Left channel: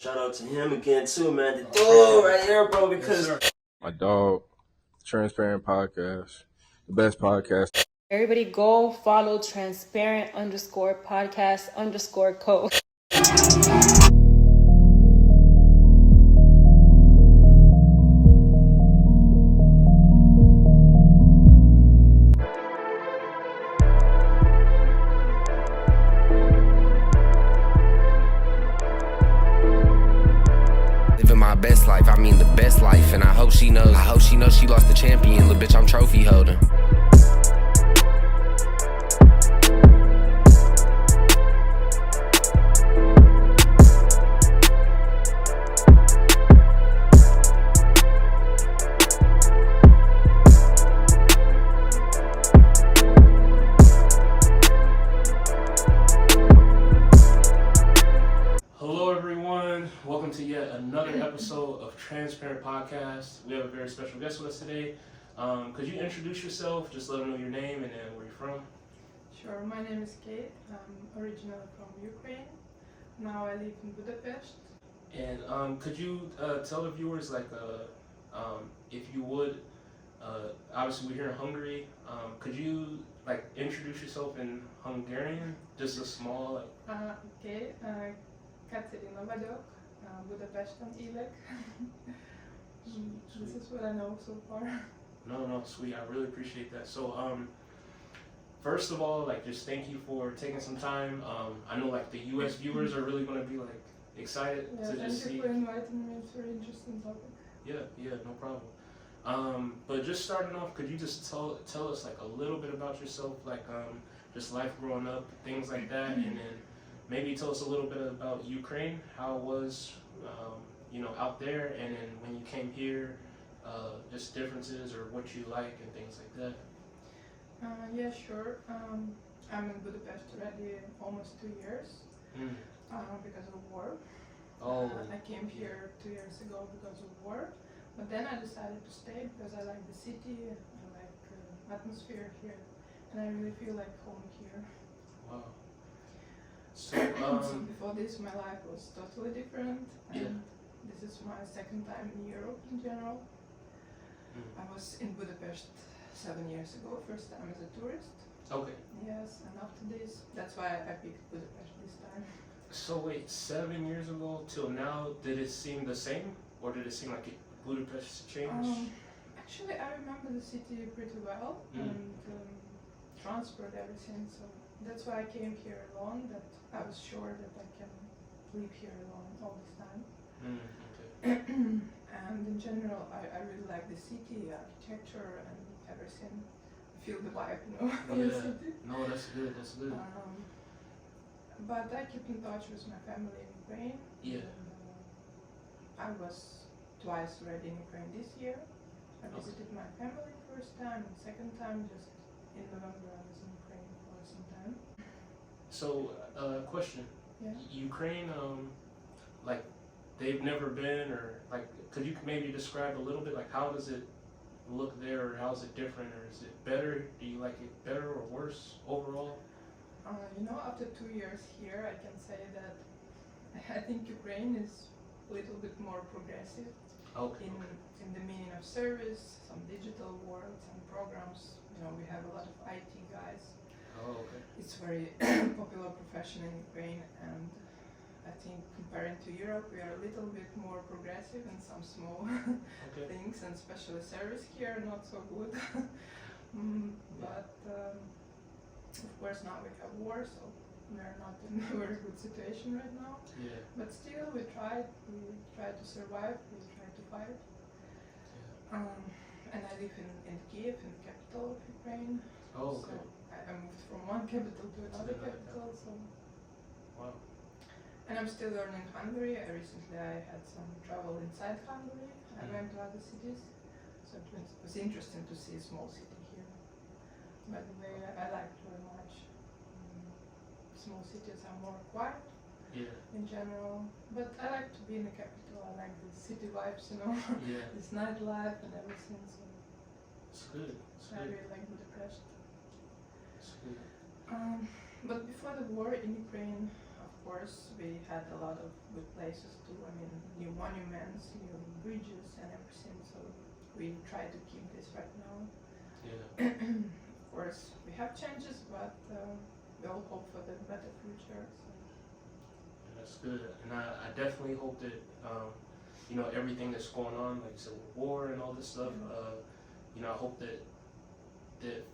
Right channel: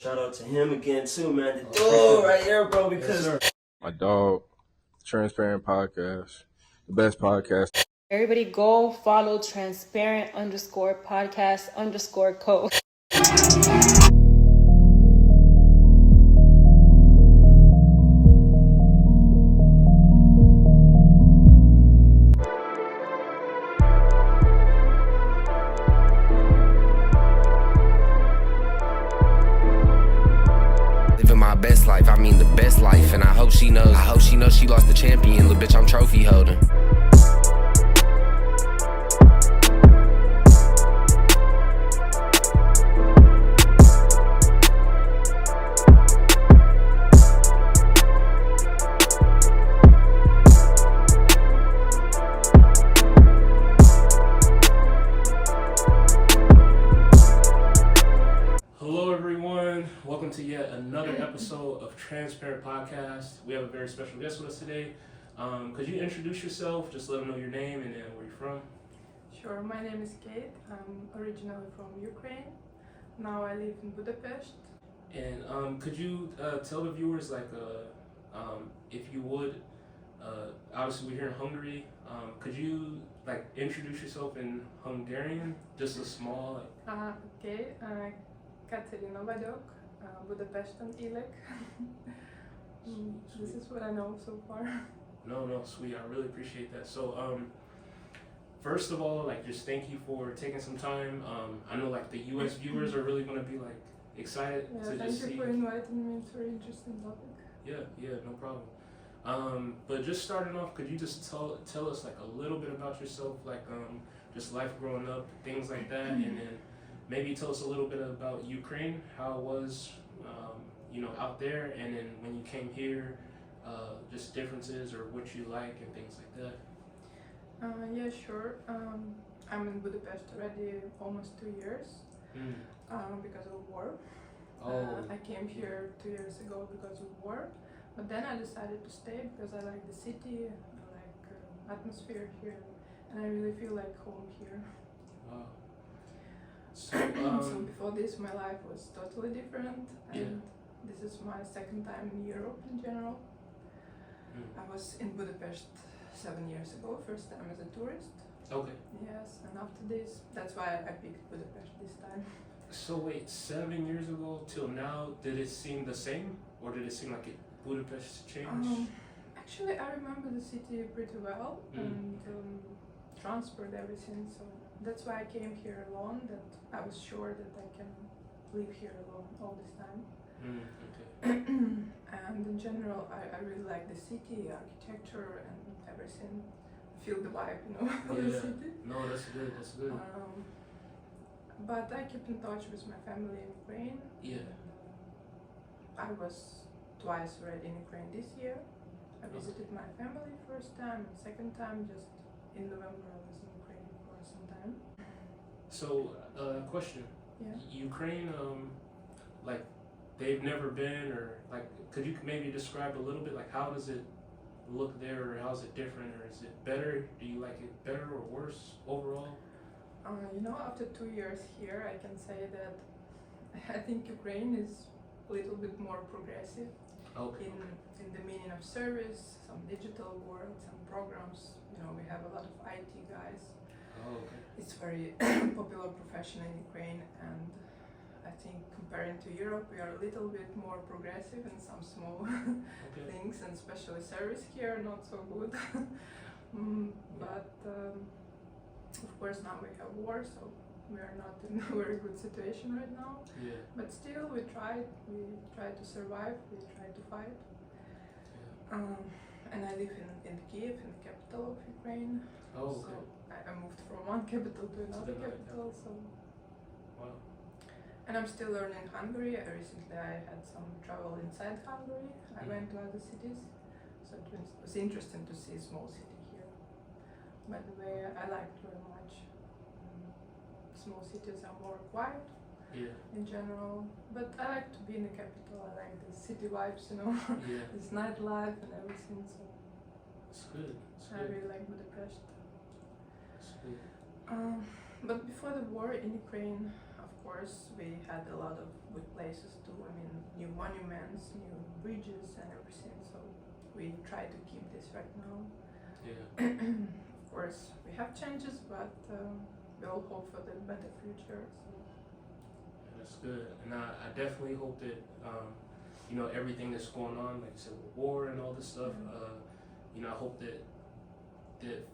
Shout out to him again too, man. Oh, right here, bro, because my dog, Transparent Podcast, the best podcast. Everybody go follow transparent_podcast_co. Living my best life, I mean the best life, and I hope she knows she lost the champion, little bitch, I'm trophy holding. Hello everyone, welcome to yet another episode of Transparent Podcast. We have a very special guest with us today. Could you introduce yourself, just let them know your name and then where you're from? Sure, my name is Kate. I'm originally from Ukraine. Now I live in Budapest. And could you tell the viewers, if you would, obviously we're here in Hungary, could you introduce yourself in Hungarian, just a small... Okay, Katerina vagyok, Budapesten élek. This is what I know so far. No, sweet. I really appreciate that. So, first of all, just thank you for taking some time. I know the U.S. viewers are really going to be excited Yeah, to thank just see. you for inviting me. It's a very interesting topic. Yeah, no problem. But just starting off, could you just tell us a little bit about yourself, just life growing up, things like that, and then maybe tell us a little bit about Ukraine, how it was, out there, and then when you came here, just differences or what you like and things like that. Yeah, sure. I'm in Budapest already almost 2 years because of war. I came here 2 years ago because of war, but then I decided to stay because I like the city, I like atmosphere here, and I really feel like home here. Wow. So, So before this, my life was totally different, and this is my second time in Europe in general. I was in Budapest 7 years ago, first time as a tourist. Okay. Yes, and after this, that's why I picked Budapest this time. So wait, 7 years ago till now, did it seem the same, or did it seem like Budapest changed? Actually, I remember the city pretty well and transferred everything, so that's why I came here alone, that I was sure that I can live here alone all this time. Okay. And in general, I really like the city, architecture and everything. Feel the vibe, of the city. No, that's good. But I keep in touch with my family in Ukraine. Yeah. I was twice already in Ukraine this year. I visited my family first time, and second time just in November I was in Ukraine for some time. So, question. Yeah. Ukraine, they've never been, or could you maybe describe a little bit, how does it look there, or how is it different, or is it better? Do you like it better or worse overall? After 2 years here, I can say that I think Ukraine is a little bit more progressive in the meaning of service, some digital work, some programs. We have a lot of IT guys. Oh, okay. It's very popular profession in Ukraine, and I think comparing to Europe, we are a little bit more progressive in some small things, and especially service here, not so good. But of course now we have war, so we are not in a very good situation right now. Yeah. But still, we try to survive, we try to fight. And I live in Kiev, in the capital of Ukraine. Oh, okay. So I moved from one capital to another capital, so. Wow. And I'm still learning Hungary. Recently I had some travel inside Hungary. I went to other cities, so it was interesting to see a small city here. By the way, I like it very much. Small cities are more quiet in general, but I like to be in the capital. I like the city vibes, this nightlife and everything, so It's good. I really like Budapest. It's good. But before the war in Ukraine, of course, we had a lot of good places too. I mean, new monuments, new bridges, and everything. So we try to keep this right now. Yeah. Of course, we have changes, but we all hope for the better future. So. That's good, and I definitely hope that you know, everything that's going on, like civil war and all this stuff. You know, I hope that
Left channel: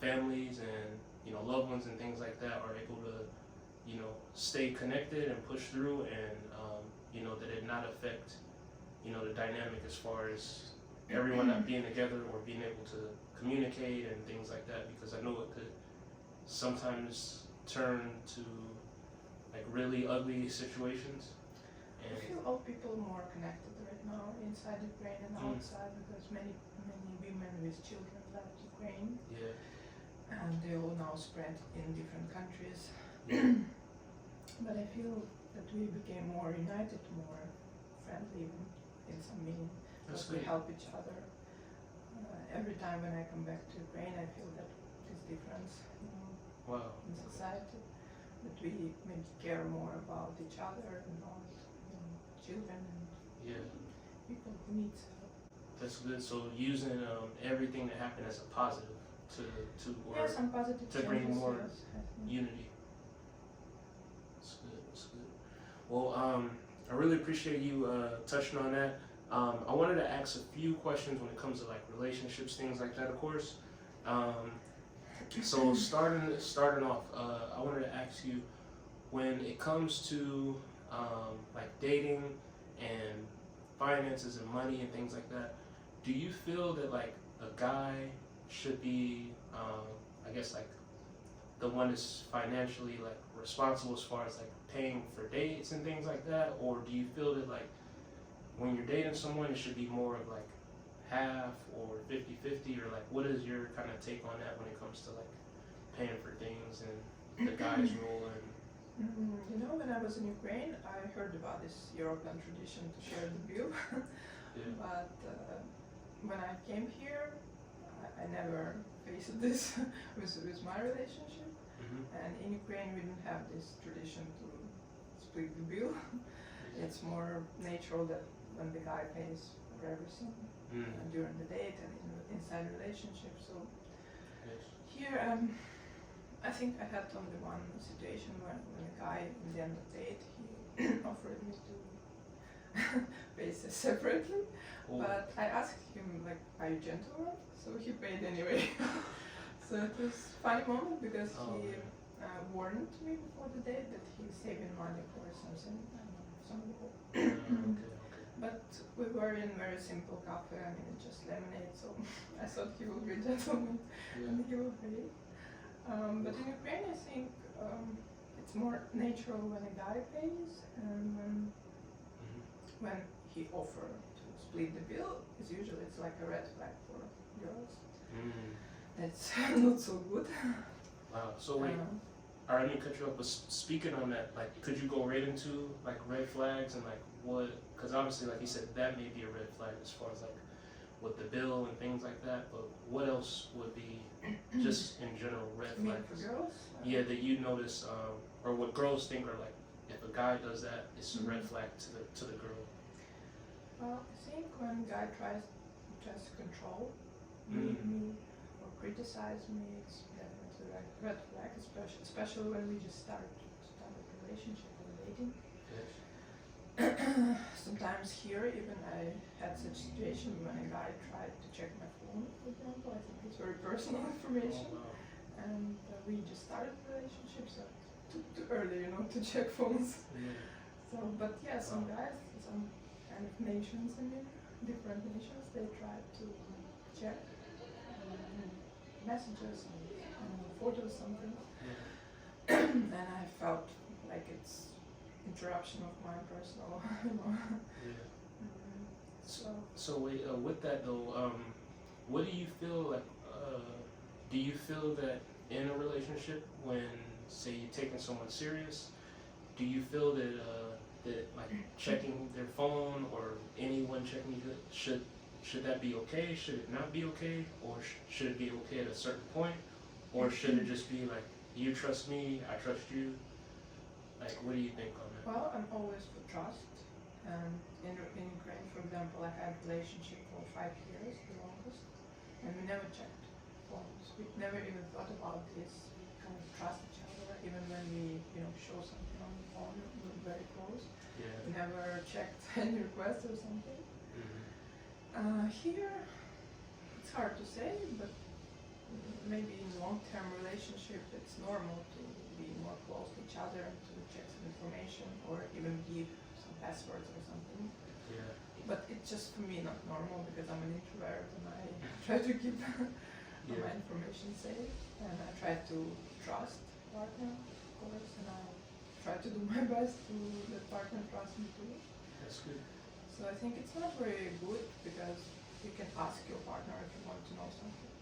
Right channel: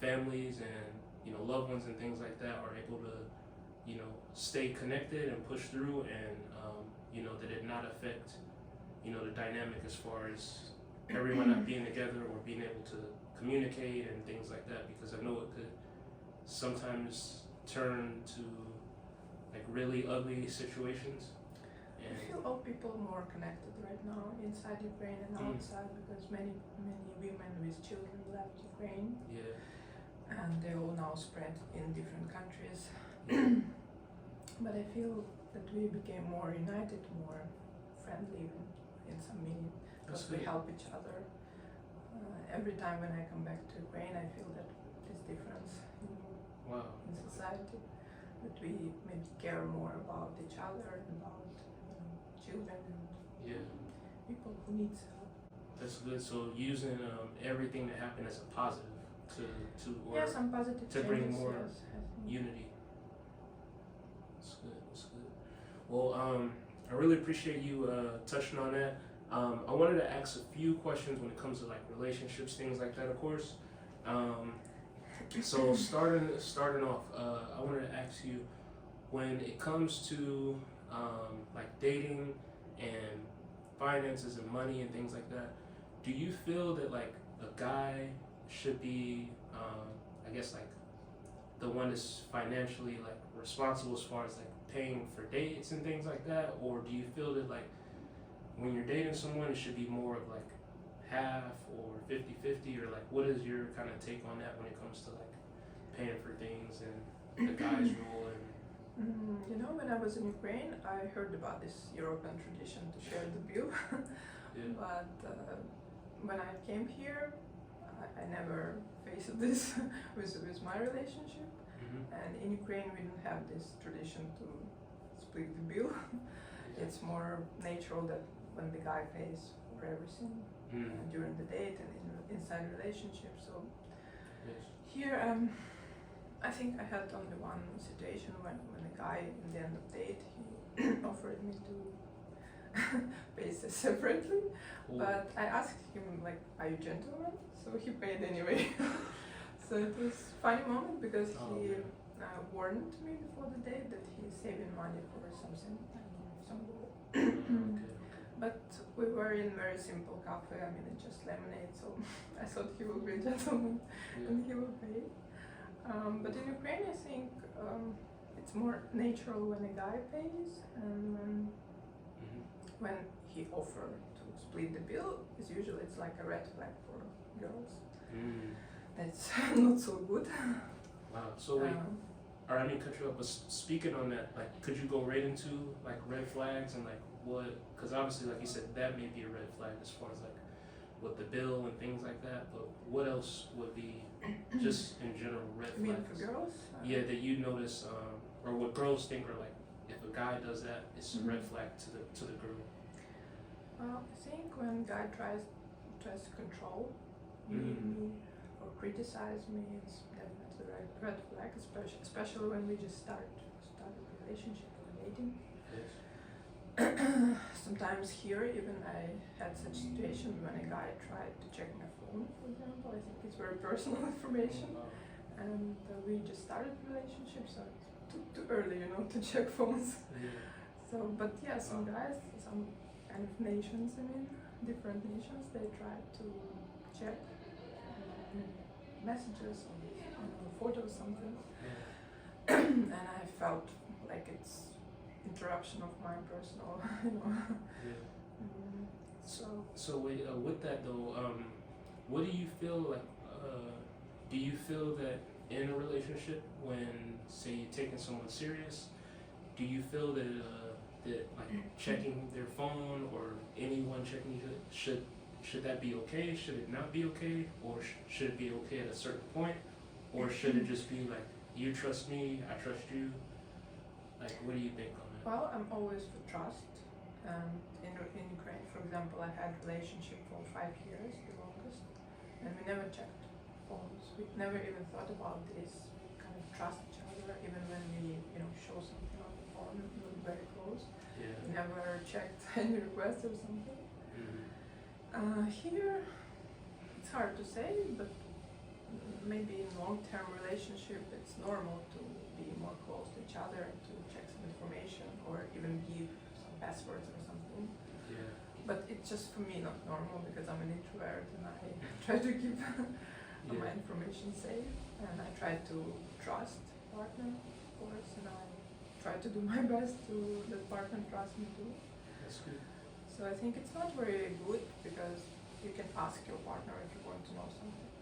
families and, you know, loved ones and things like that are able to, you know, stay connected and push through, and you know, that it not affect, you know, the dynamic as far as everyone not being together or being able to communicate and things like that, because I know it could sometimes turn to like really ugly situations. I feel all people more connected right now inside Ukraine and outside, because many women with children left Ukraine. Yeah. And they all now spread in different countries. But I feel that we became more united, more friendly in some meaning, because we help each other. Every time when I come back to Ukraine, I feel that this difference, you know, Wow. in society, that we maybe care more about each other, about children and Yeah. people who need help. That's good. So using everything that happened as a positive to or Yeah, some positive to bring changes, more yes, I think. unity. That's good. That's good. Well, I really appreciate you touching on that. I wanted to ask a few questions when it comes to like relationships, things like that, of course. So starting off, I wanted to ask you, when it comes to like dating and finances and money and things like that, do you feel that like a guy should be, I guess like the one that's financially like responsible as far as like paying for dates and things like that, or do you feel that like when you're dating someone it should be more of like half or 50-50, or like what is your kind of take on that when it comes to like paying for things and the guy's role? And you know, when I was in Ukraine, I heard about this European tradition to share the bill. Yeah. But when I came here, I never faced this with my relationship. And in Ukraine, we don't have this tradition to split the bill. It's more natural that when the guy pays for everything during the date and inside relationship. So here, I think I had only one situation when the guy in the end of date, he offered me to pay separately. But I asked him, like, are you gentleman? So he paid anyway. So it was a funny moment because he warned me before the date that he's saving money for something, some goal. But we were in very simple cafe, I mean, just lemonade, so I thought he would be a gentleman and he will pay. But in Ukraine, I think it's more natural when a guy pays, and when he offers to split the bill, it's like a red flag for girls. That's not so good. Wow. So wait, all right, let me cut you up. But speaking on that, like, could you go right into like red flags and like what? Because obviously, like you said, that may be a red flag as far as like with the bill and things like that. But what else would be just in general red You mean flags? for girls? Yeah, that you notice, or what girls think are like, if a guy does that, it's a red flag to the girl. Well, I think when a guy tries to control me or criticize me, it's definitely a red flag, especially when we just start a relationship or dating. Yes. Sometimes here, even I had such situation when a guy tried to check my phone, for example. I think it's very personal information, and we just started a relationship, so it's too early, you know, to check phones. So, but yeah, some guys, some kind of nations, I mean, different nations, they try to check messages and photos, something. And I felt like it's interruption of my personal, you know. So with that though, what do you feel like? Do you feel that in a relationship, when say you're taking someone serious, do you feel that that like checking their phone or anyone checking you should that be okay? Should it not be okay? Or should it be okay at a certain point? Or should it just be like, you trust me, I trust you? Like, what do you think on that? Well, I'm always for trust. In Ukraine, for example, I had a relationship for 5 years, the longest, and we never checked phones. We never even thought about this, kind of trust each other, even when we, show something on the phone, we were very close. Yeah. We never checked any requests or something. Here, it's hard to say, but maybe in long-term relationship, it's normal to be more close to each other and to check some information or even give some passwords or something. Yeah. But it's just for me not normal because I'm an introvert and I try to keep my information safe and I try to trust partner, of course, and I try to do my best to that partner trust me too. That's good. So I think it's not very good because you can ask your partner if you want to know something.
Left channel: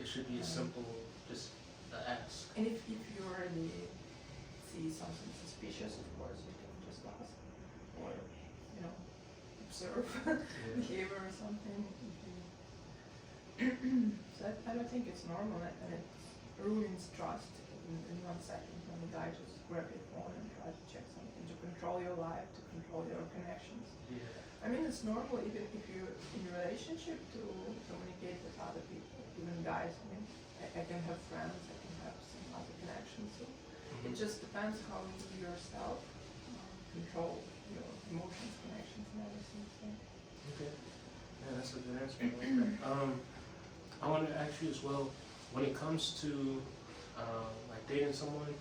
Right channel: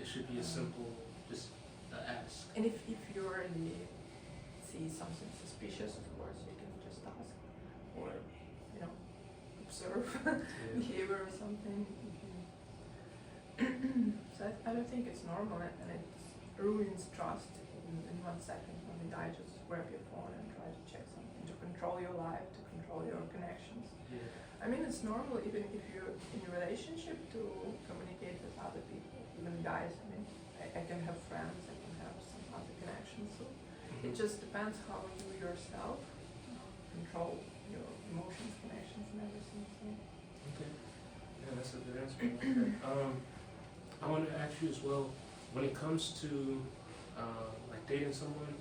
It should be a simple, just ask. And if you already see something suspicious, of course, you can just ask or, observe behavior or something. So I don't think it's normal and it ruins trust in 1 second when the guy just grab your phone and try to check something, to control your life, to control your connections. Yeah. I mean, it's normal even if you're in a relationship to communicate with other people, even guys. I mean, I can have friends, I can have some other connections. So it just depends how you yourself control your emotions, connections, and everything. So. Okay. Yeah, that's a good answer. I like that. I want to ask you as well, when it comes to like dating someone,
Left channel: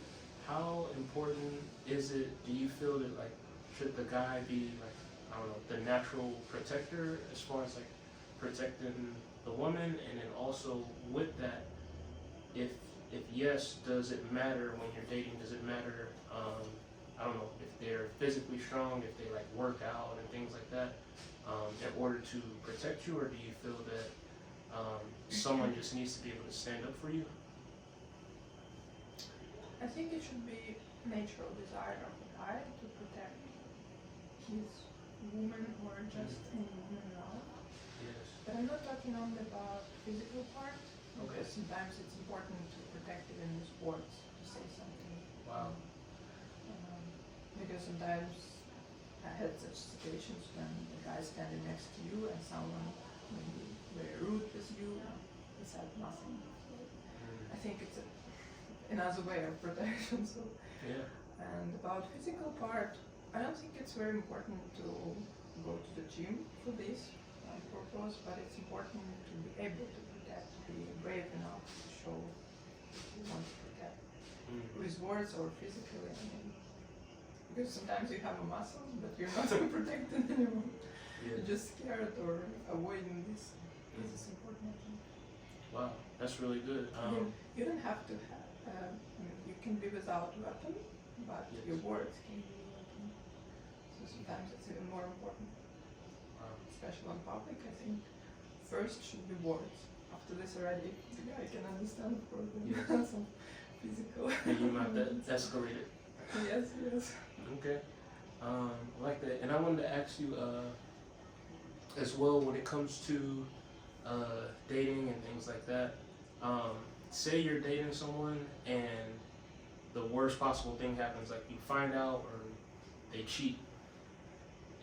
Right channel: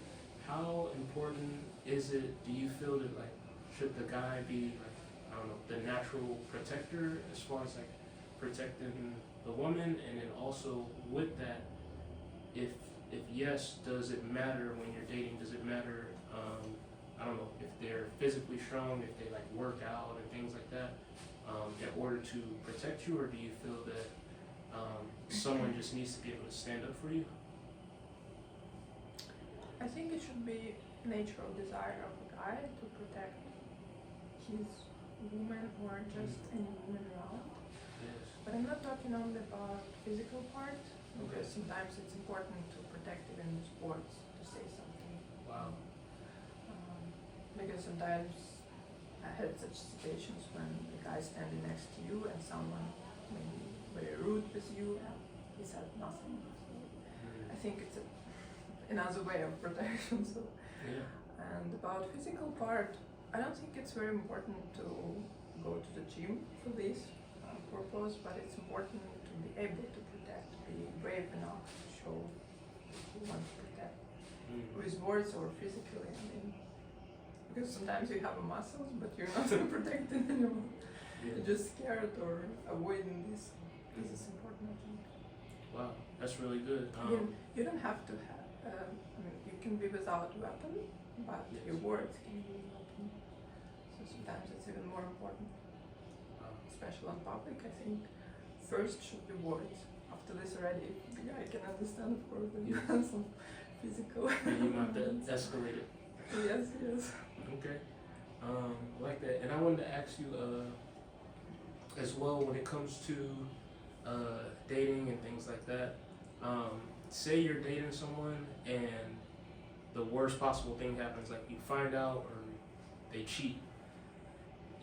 how important is it? Do you feel that like should the guy be like, I don't know, the natural protector as far as like protecting the woman, and then also with that, if yes, does it matter when you're dating? Does it matter? I don't know if they're physically strong, if they like work out and things like that, in order to protect you, or do you feel that someone just needs to be able to stand up for you? I think it should be natural desire of the guy to protect his woman or just any woman around. Yes. But I'm not talking only about physical part, Okay. because sometimes it's important to protect even in sports, to say something. Wow. Because sometimes I had such situations when the guy standing next to you and someone maybe very rude with you and he said nothing. So I think it's another way of protection. So. Yeah. And about physical part, I don't think it's very important to go to the gym for this purpose, but it's important to be able to protect, to be brave enough to show you want to protect with words or physically. I mean, because sometimes you have muscles, but you're not protecting anyone. Yeah. You're just scared or avoiding this. This is important, I think. Wow, that's really good. You don't have to have, I mean, you can be without weapon, but Yes. your words can be a weapon. So sometimes it's even more important, Wow. especially on public. I think first should be words. After this already, the guy can understand, of course, that you have some physical. And you might escalate it. Yes, yes. Okay. I like that. And I wanted to ask you as well, when it comes to dating and things like that, say you're dating someone and the worst possible thing happens, like you find out or they cheat.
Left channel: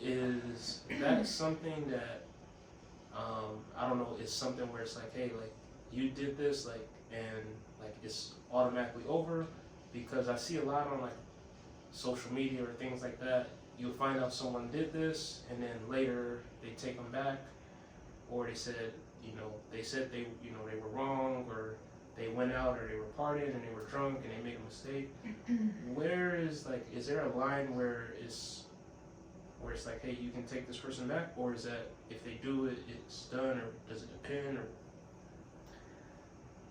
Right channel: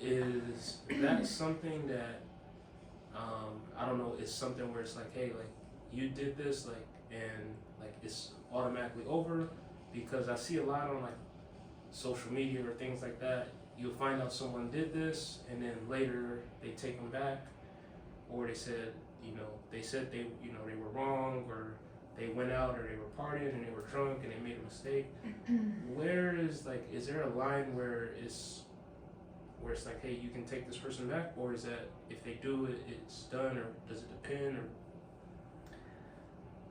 Is that something that, I don't know, is something where it's like, hey, like you did this, like, and like it's automatically over? Because I see a lot on like social media or things like that, you'll find out someone did this and then later they take them back, or they said, they were wrong, or they went out or they were partying and they were drunk and they made a mistake. Where is like, is there a line where it's like, hey, you can take this person back, or is that if they do it, it's done, or does it depend? Or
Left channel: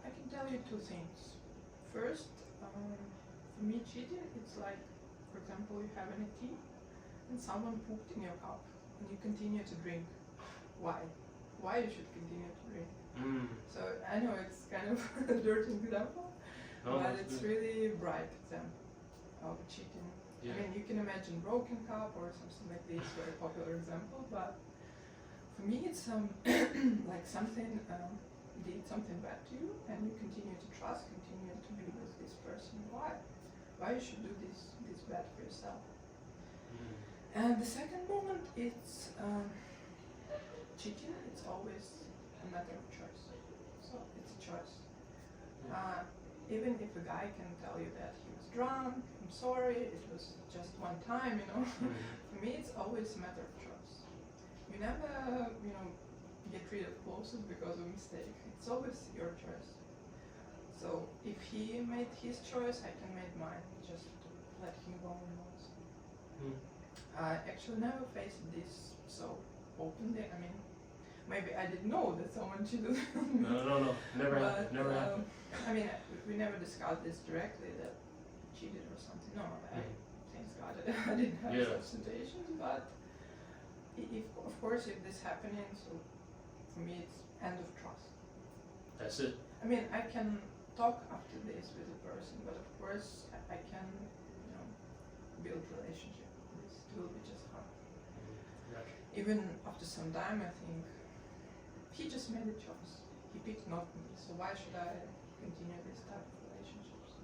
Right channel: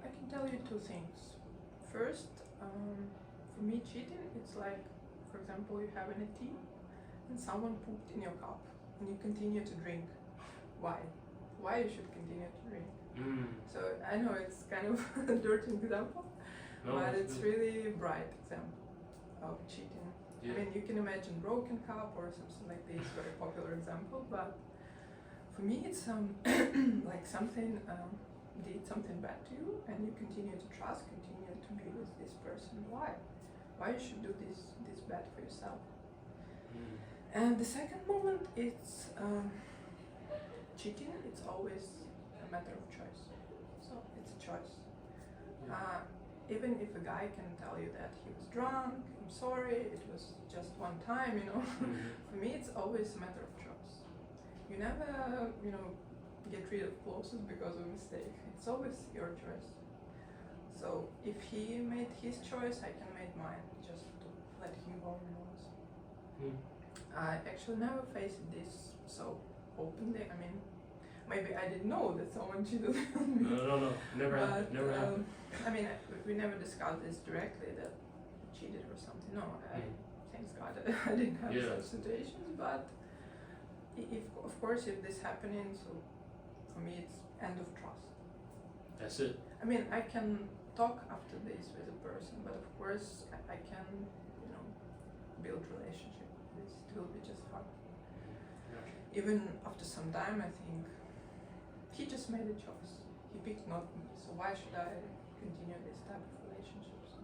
I can tell you two things. First, for me, cheating, it's like, for example, you have a tea and someone pooped in your cup and you continue to drink. Why? Why you should continue to drink? So I know it's kind of a dirty example, but it's really a bright example of cheating. Yeah. I mean, you can imagine broken cup or something like this, very popular example, but for me it's like something did something bad to you and you continue to trust, continue to be with this person. Why? Why you should do this bad for yourself? And the second moment, it's cheating. It's always a matter of choice. So it's a choice. Even if a guy can tell you that he was drunk, I'm sorry, it was just one time, you know. For me, it's always a matter of choice. You never, you know, get rid of clothes because of a mistake. It's always your choice. So if he made his choice, I can make mine. Just to let him go when he wants. I actually never faced this so openly. I mean, maybe I didn't know that someone cheated on me. No, never happened. Never happened. I mean, we never discussed this directly that he cheated or something. No, thanks God I didn't have such situations. But if, of course, if this happening, so for me it's end of trust. That's it. I mean, I can talk after this with a person, but of course I can, you know, build relationship with this. It will be just fun. Even after some time, I think he just made a choice. He picked not me, so why should I continue this type of relationships?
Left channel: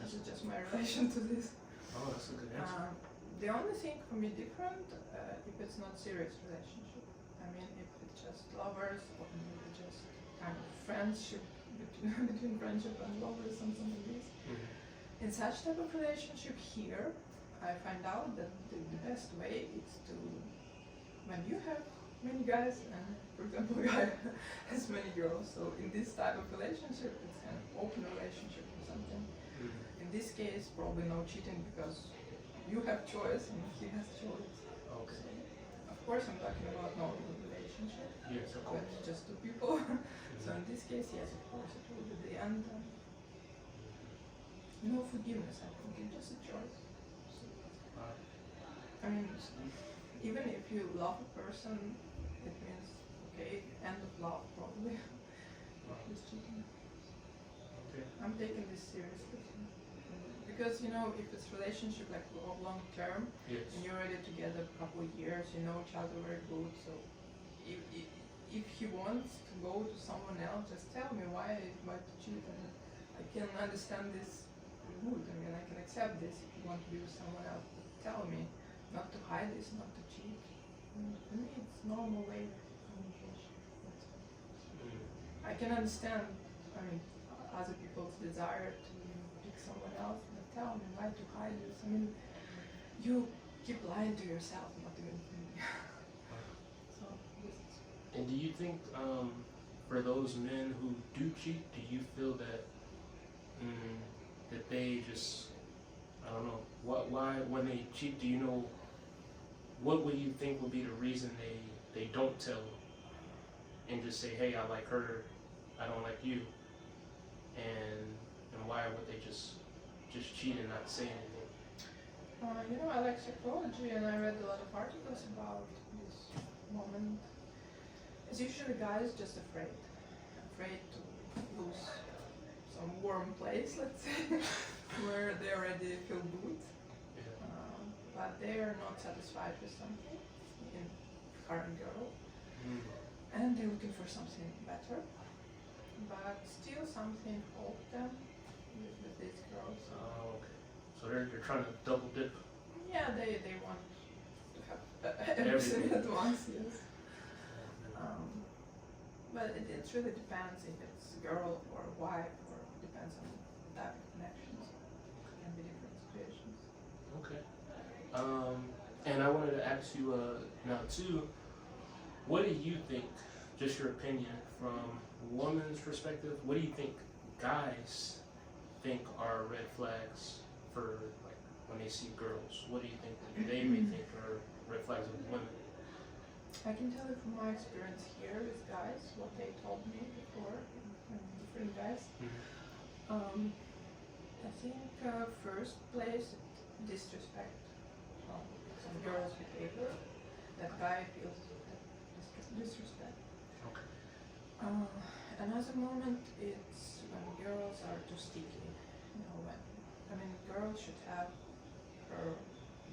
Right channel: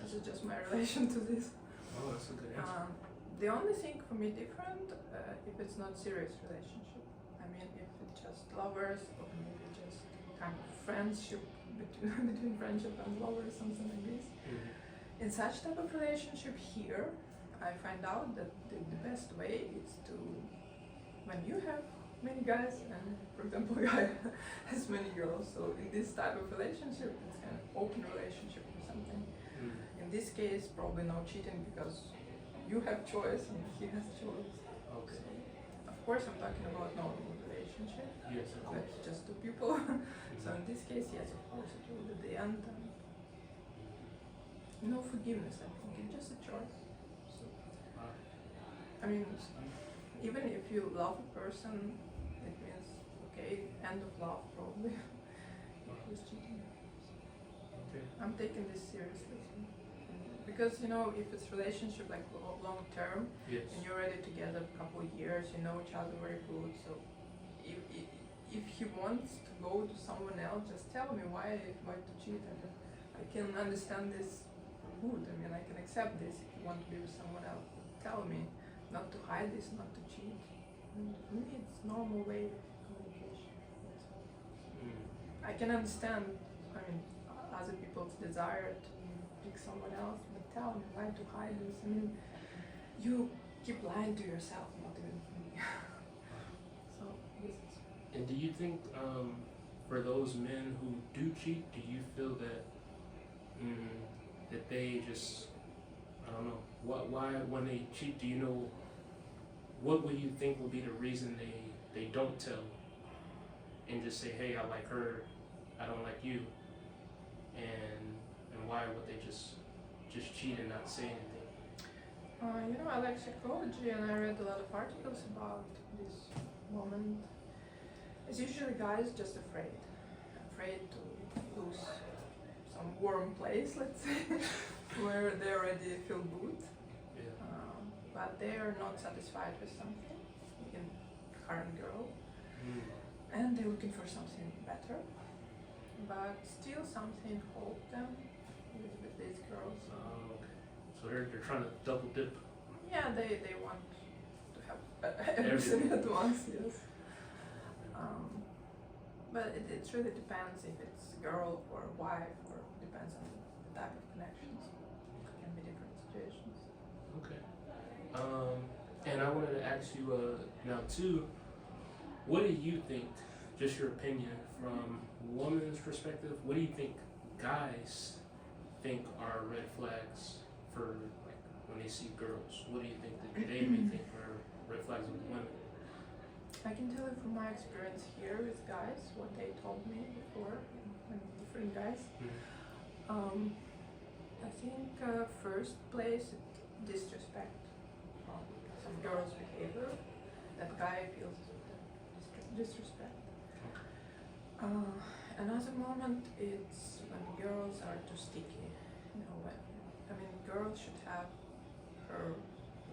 This is just my relation to this. Oh, that's a good answer. The only thing for me different, if it's not serious relationship. I mean, if it's just lovers or maybe just kind of friendship between friendship and lovers, something like this. In such type of relationship here, I find out that the best way is to, when you have many guys and, for example, a guy has many girls, so in this type of relationship, it's kind of open relationship or something. In this case, probably no cheating because you have choice and he has choice. Okay. So, of course, I'm talking about normal relationship. Yes, of course. With just two people. So in this case, yes, of course, it will be the end. No forgiveness, I think. It's just a choice. So, I mean, even if you love a person, it means, okay, end of love probably. He's cheating. Okay. I'm taking this seriously. Because, you know, if it's relationship like long term, Yes. and you're already together a couple of years, you know each other very good, so if he wants to go to someone else, just tell me why to cheat, and I can understand this good. I mean, I can accept this if you want to be with someone else. But tell me not to hide this, not to cheat. For me, it's normal way of communication. I can understand, I mean, other people's desire to pick someone else, but tell me why to hide this. I mean, you keep lying to yourself, not even me. So this is. And do you think, for those men who do cheat, do you feel that that they just, I don't know, why when they cheat, do you know, what would you think would be the reason they don't tell and just say, hey, I like her, I don't like you, and why would they just cheat and not say anything? You know, I like psychology and I read a lot of articles about this moment. It's usually guys just afraid to lose some warm place, let's say, where they already feel good, but they are not satisfied with something in current girl, and they're looking for something better, but still something hold them with these girls. Oh, okay. So they're trying to double dip. Yeah, they want to have everything at once, yes. But it really depends if it's a girl or a wife, or depends on the type of connections. It can be different situations. Okay. And I wanted to ask you now too, what do you think, just your opinion from a woman's perspective, what do you think guys think are red flags for, like, when they see girls? What do you think that they may think are red flags of women? I can tell you from my experience here with guys, what they told me before, different guys. I think first place, disrespect. Some girl's behavior, that guy feels disrespect. Another moment, it's when girls are too sticky. You know, when, I mean, girls should have her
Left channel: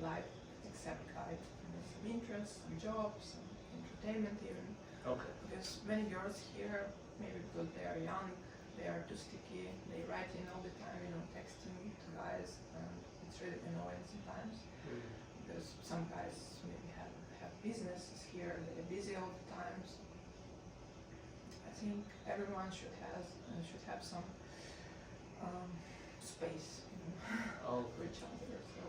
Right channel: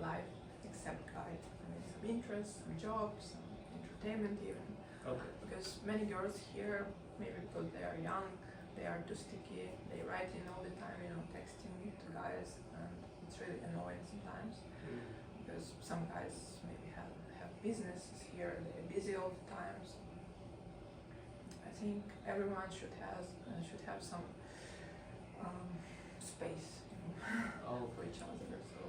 life except guy. I mean, some interests, some jobs, some entertainment even. Okay. Because many girls here, maybe because they are young, they are too sticky, they write in all the time, you know, texting to guys, and it's really annoying sometimes. because some guys maybe have businesses here, they're busy all the time. So I think everyone should have some space, Oh, for each other. So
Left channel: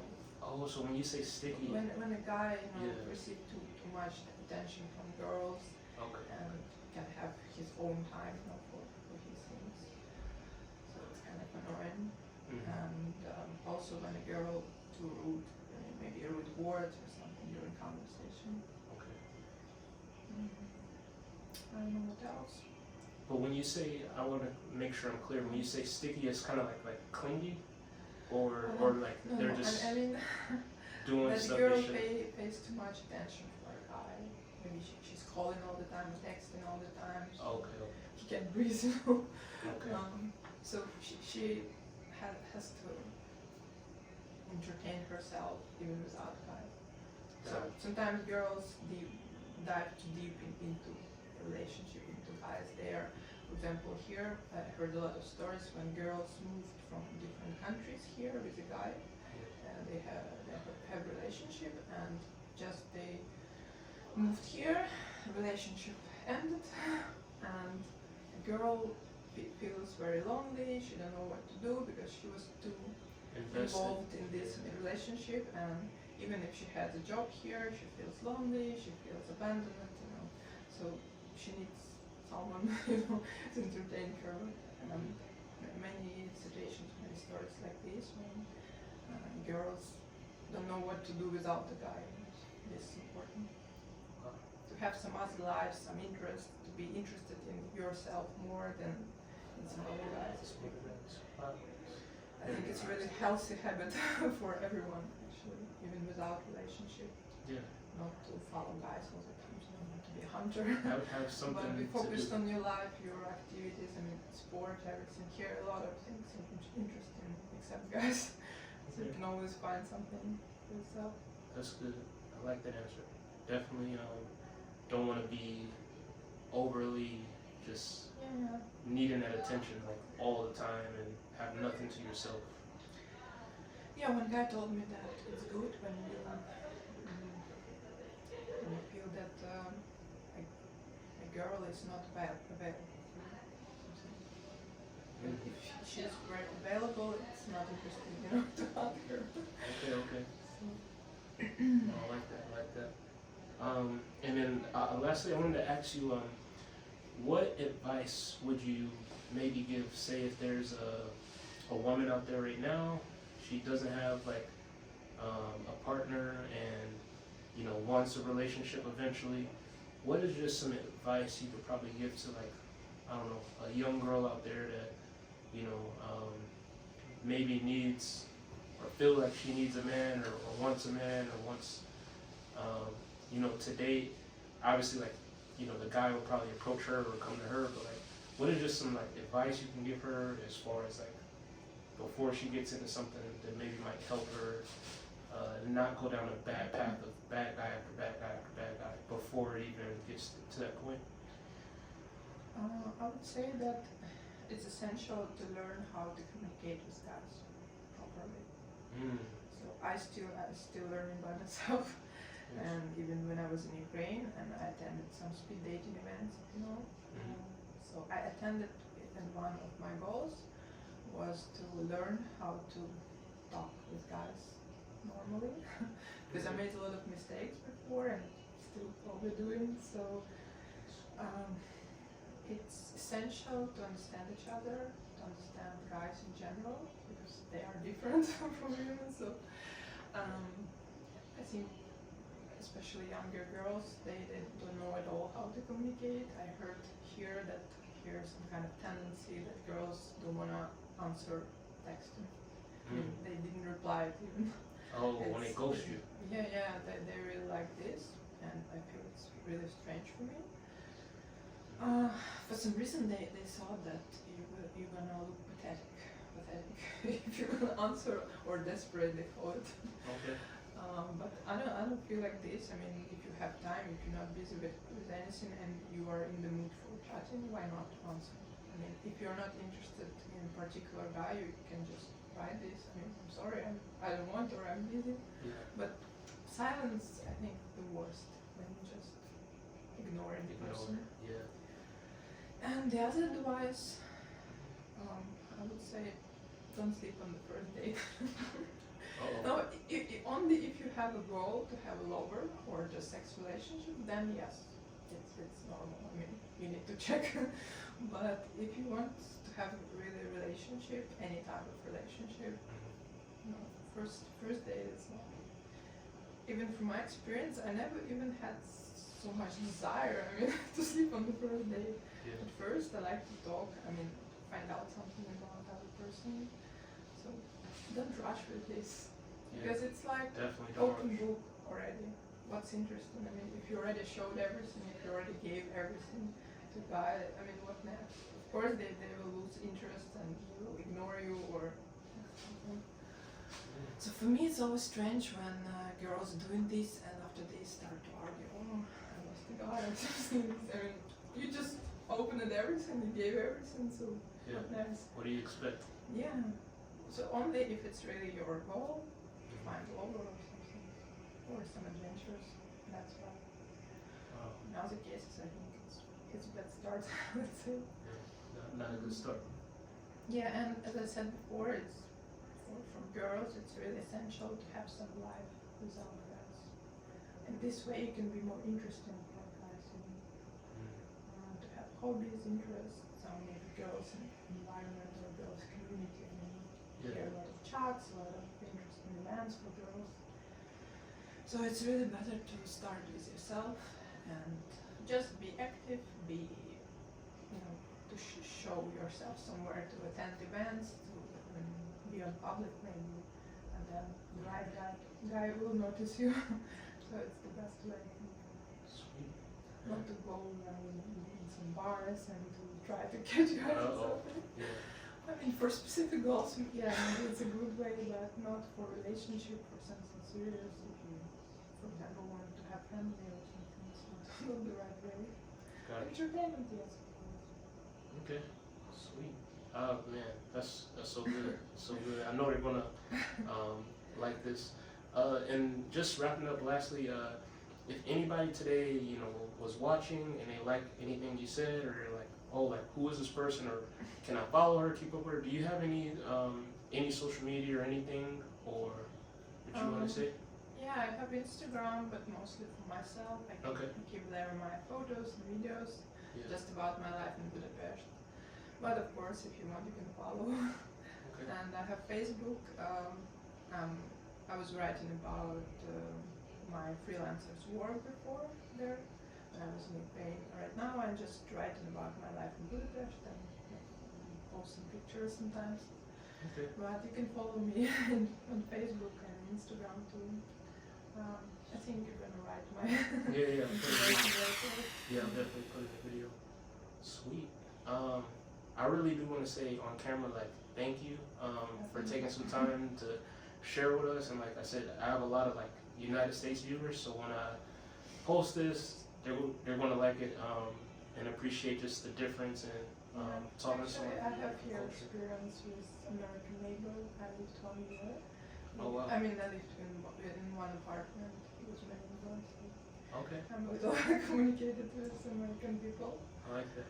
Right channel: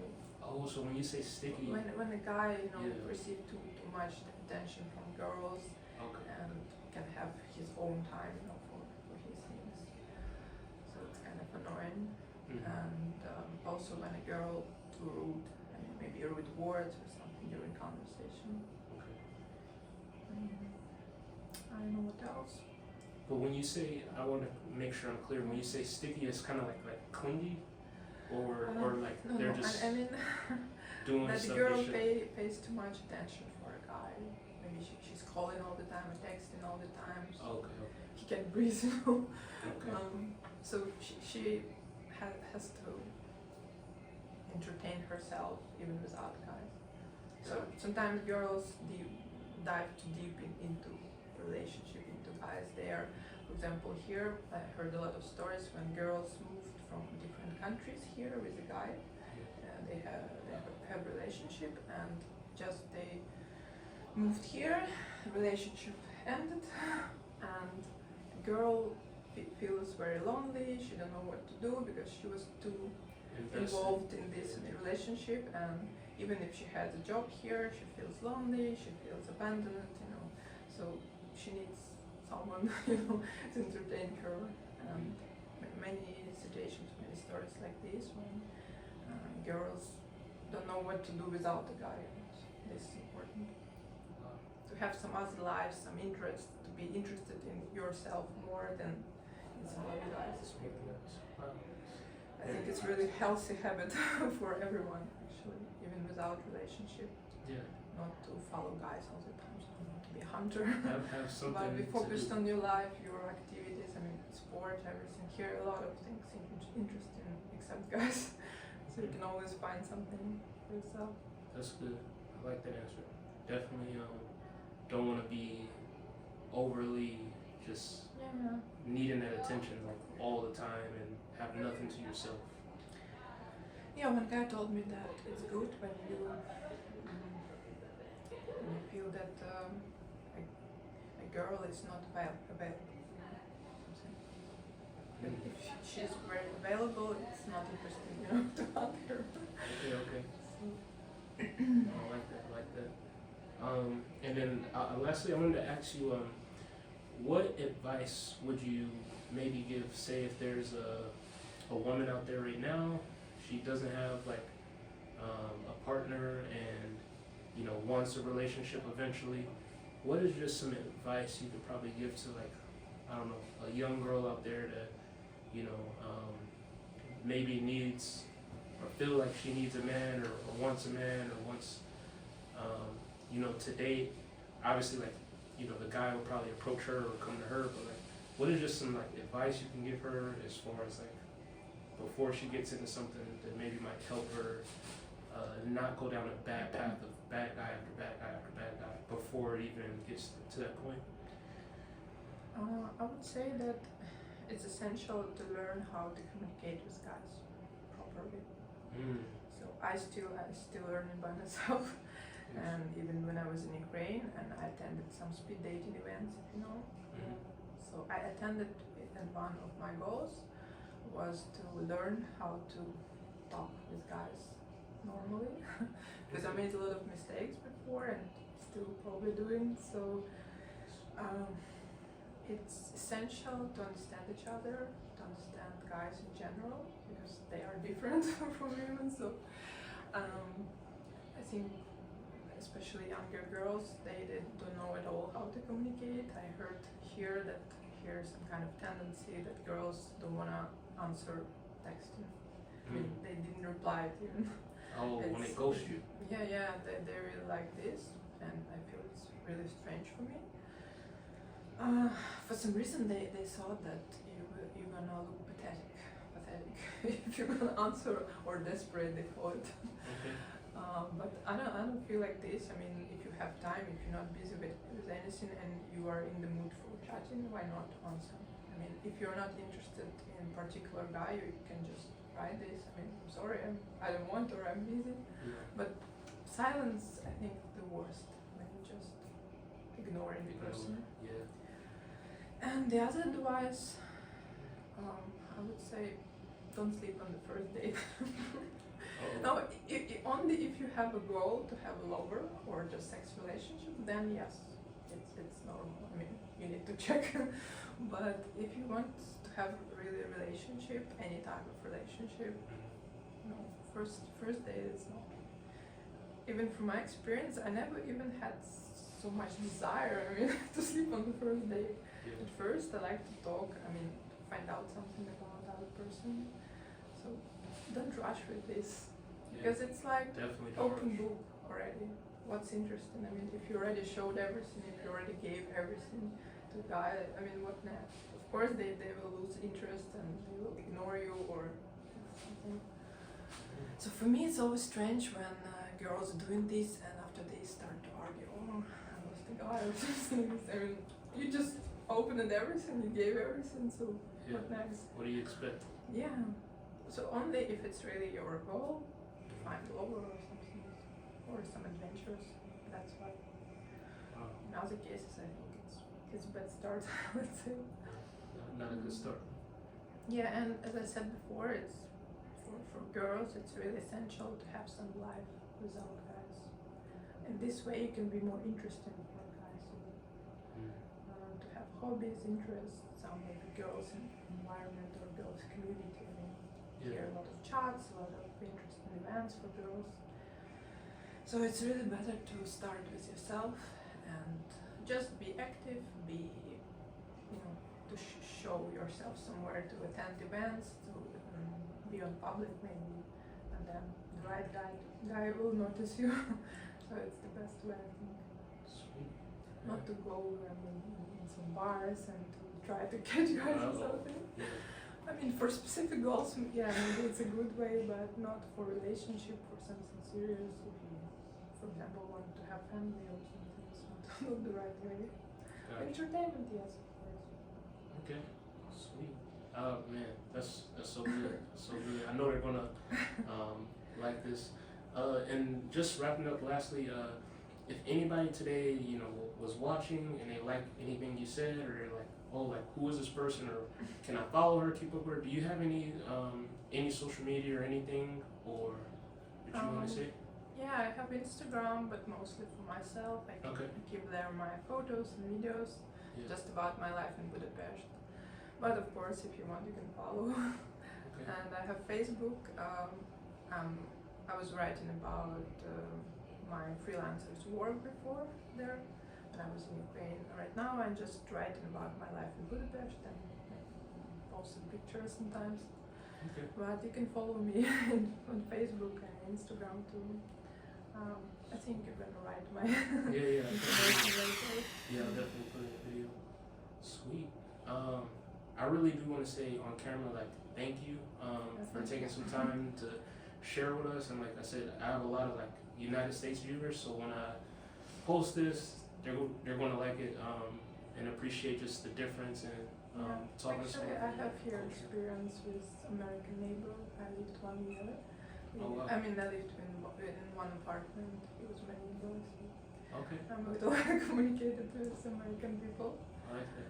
so when you say sticky, when a guy Yeah. receives too much attention from girls okay, and can have his own time, for his things, so it's kind of annoying. Mhm. And also when a girl too rude, maybe rude words or something during conversation. okay. I don't know what else. But when you say, I want to make sure I'm clear. When you say sticky, it's kind of like clingy, or like No, they're no, just I mean doing that the stuff girl they shouldn't. pays too much attention for a guy. Maybe she's calling all the time, texting all the time. So Okay, he can breathe, okay. So she has to entertain herself even without guys. So Got it. sometimes girls dive too deep into a relationship, into guys there. For example, here I heard a lot of stories when girls moved from different countries here with a guy, and they have relationship, and just they moved here, the relationship ended, and the girl feels very lonely. She don't know what to do because she was too involved in this relationship, and even if she has a job here, she feels lonely, she feels abandoned, so she needs someone, to entertain her. And many situations, many stories like this when girls don't know what to do without the guy. This is important. To have some other life, some interest, to be interested in yourself more than in some other guys. I think it's really healthy habit for everyone, actually, even without relationship, Yeah, not to follow guys all the time, so not to be a hunter. have something But be to focused do. on your life, your activities, sport, everything. Here, a lot of things interesting, except guys. So you can always find something for yourself. That's good. I like that answer. Definitely don't want to be overly just Yeah. needing that attention like all the time and have nothing to yourself. Yeah, one guy told me that it's good when you feel that a girl is not available. But if she's very available, it's not interesting, to hunt her. Okay. So, I like that. And then lastly, I wanted to ask you, what advice would you maybe give, say, if there's a woman out there right now, she doesn't have like a partner and wants a relationship eventually. What is just some advice you could probably give to, like, I don't know, a young girl out there that maybe needs or feel like she needs a man or wants a man or wants to date? Obviously, like, the guy will probably approach her or come to her, but like, what is just some like advice you can give her as far as like before she gets into something that maybe might help her not go down a bad path of bad guy after bad guy after bad guy before it even gets to that point? I would say that it's essential to learn how to communicate with guys properly. So I still learning by myself. And even when I was in Ukraine and I attended some speed dating events, if you know. So I attended it, and one of my goals was to learn how to talk with guys normally, because I made a lot of mistakes before and still probably doing. So it's essential to understand each other, to understand guys in general, because they are different from women. So I think especially younger girls, they don't know at all how to communicate. I heard here that here's some kind of tendency that girls don't want to answer texting. I mean, they didn't reply it even. Oh, when they ghost you. Yeah, they really like this, and I feel it's really strange for me. For some reason, they thought that you're gonna look pathetic if you're gonna answer, or desperate, they thought. Okay. But I don't feel like this. I mean, if you have time, if you're not busy with anything and you are in the mood for chatting, why not answer? I mean, if you're not interested in a particular guy, you can just write this. I mean, I'm sorry, I don't want, or I'm busy. Yeah. But silence, I think, the worst when you just ignoring the person. Yeah. And the other advice, I would say, don't sleep on the first date. No, only if you have a goal to have a lover or just sex relationship, then yes, it's normal. I mean, you need to check. But if you want to have really a relationship, any type of relationship, no, first date is not. Even from my experience, I never even had so much desire. I mean, to sleep on the first date. Yeah. At first, I like to talk. I mean, find out something about another person. So don't rush with this. Because it's like Definitely don't open rush. book already. What's interesting? I mean, if you already showed everything, if you already gave everything to the guy, I mean, what next? Of course, they will lose interest and they will ignore you or something. So for me, it's always strange when girls are doing this and after they start to argue, oh, I lost the guy or something. I mean, you just opened everything, you gave everything, so what next? What do you expect? Yeah. So only if it's really your goal to find love or something, or some adventures. That's why. Wow. In other cases, I think it's a bad start. Let's say. Not a good start. Yeah, and as I said before, it's for girls. It's really essential to have some life without guys. And this way, you can be more interesting for guys. You know? To have hobbies, interests. Some maybe girls environment or girls community. I mean, hear a lot of chats, a lot of interesting events for girls. So it's really better to start with yourself and just be active, be, you know, to show yourself somewhere, to attend events, to be on public maybe, and then the right guy will notice you. So it's the best way, I think. Sweet. Not to go in some bars and to try to catch guys or something. Yeah. I mean, for specific goals, yeah, maybe it's a good way, but not for relationship or something serious. If you, for example, want to have family or something, it's not the right way. Entertainment, yes, of course. Okay, sweet. Man, that's so good. So good. I know they're gonna like this. And just wrapping up, lastly, if anybody today, you know, was watching and they like anything you said, or like, oh, like, who is this person, or can I follow her, keep up with her? Do you have any social media or anything, or what you want to say? Yeah, I have Instagram, but mostly for myself. I keep there my photos and videos, just about my life in Budapest. But of course, if you want, you can follow. And I have Facebook. I was writing about my freelancer's work before there. When I was in Ukraine. Right now I'm just writing about my life in Budapest and post some pictures sometimes. But you can follow me on Facebook and Instagram too. I think you're gonna write my information later. Yeah, I'll definitely put in a video. Sweet. I really do want to say on camera, like, thank you for taking some time to share with us. And like I said, I have a lot of like United States viewers, so when I post this, they're going to like it and appreciate just the difference and talking to someone. I have here experience with American neighbor. I lived 1 year. Oh, wow. I mean, I lived in one apartment. He was my neighbor. So Okay. I communicated with American people. I like that.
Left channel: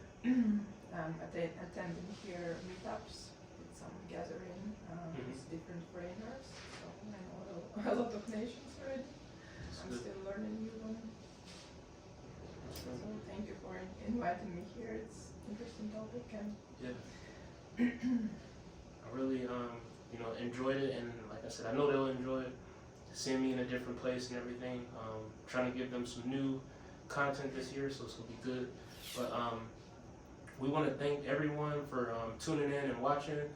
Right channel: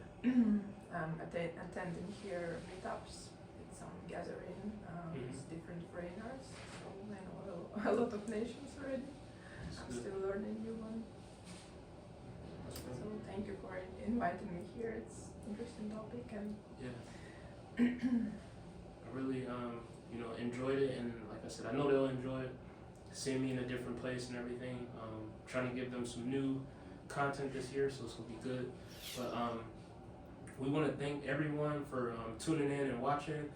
Attending here meetups, it's some gathering with different foreigners. So I know a lot of nations already. I'm still learning new one. So thank you for inviting me here. It's interesting topic and I really enjoyed it, and like I said, I know they'll enjoy it. Seeing me in a different place and everything. Trying to give them some new content this year, so it's gonna be good. But we want to thank everyone for tuning in and watching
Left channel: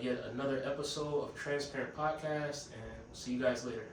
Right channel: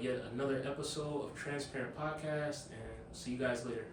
yet another episode of Transparent Podcast, and see you guys later.